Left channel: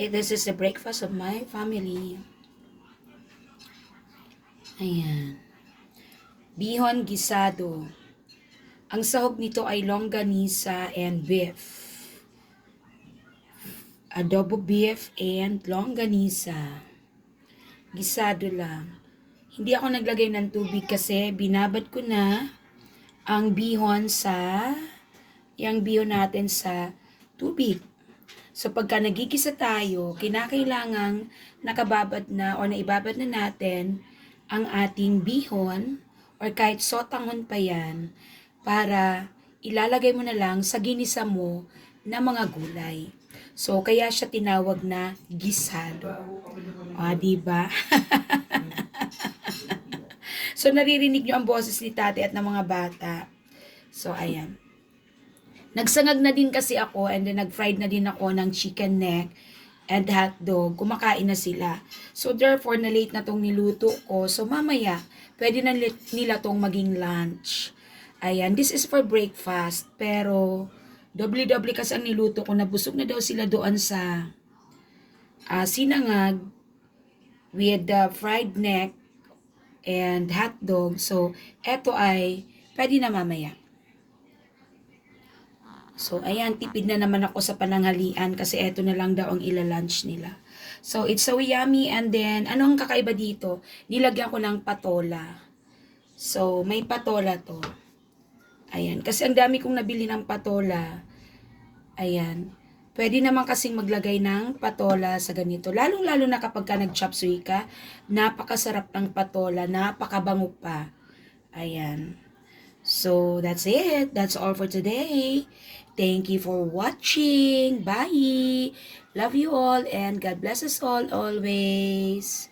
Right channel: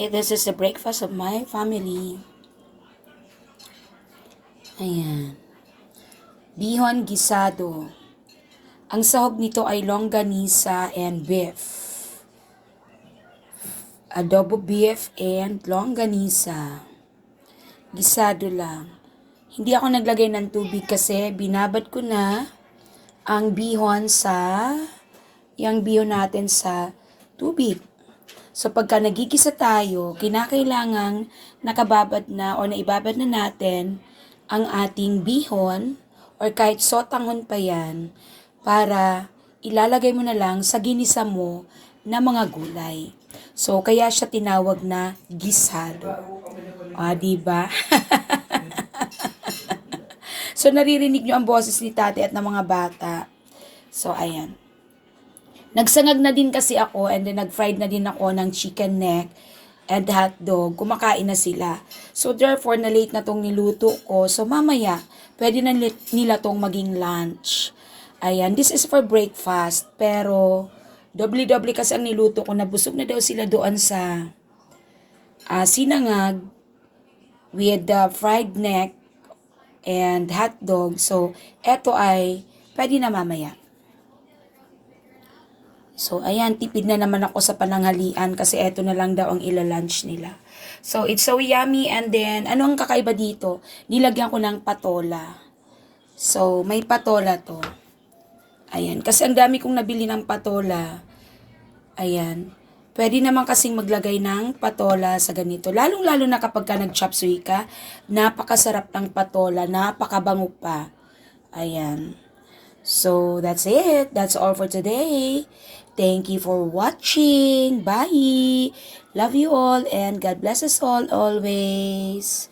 Okay, this is the breakfast of my family. Ayan. Bihon gisado. Ang sahog nito ay longganisa and beef. Adobo beef and longganisa. Gisado lang. Hindi ako naglagay ng tubig kasi binabad ko na ang bihon sa yung bihon natin sa tubig. So pagka nagigisa tayo, kinakailangang nakababad na o naibabad na natin ang ating bihon or kahit sotanghon pa yan para ilalagay mo na lang sa ginisa mo na mga gulay. So kaya siya tinawag na gisado. O, di ba? so naririnig nyo ang boses ni tate at ng mga bata. So ayan. Nagsangag na din kasi ako and then nag-fried na din ako ng chicken neck and hot dog. Kumakain na sila. So therefore, na late na tong niluto ko. So mamaya, pwede na nila tong maging lunch. Ayan, this is for breakfast. Pero, doble-doble kasi ang niluto ko. Nabusog na daw sila doon sa ah, sinangag with the fried neck and hot dog. So, eto ay pwede na mamaya. So, ayan, tipid na naman ako sa pananghalian kasi eto na lang daw ang ila-lunch nila. So, it's so yummy and then, ano ang kakaiba dito? Nilagyan ko ng patola. So, may patola to. Ayan, kasi ang dami kong nabili ng patola. Ayan. Pwede naman kasing maglagay ng patola sa ganito. Lalong-lalo na kapag ka nag-chop suey ka, napakasarap ng patola, napakabango pa. Ayan. So, that's it. That's all for today. Thank you for watching. Bye. Love you all and God bless us all always.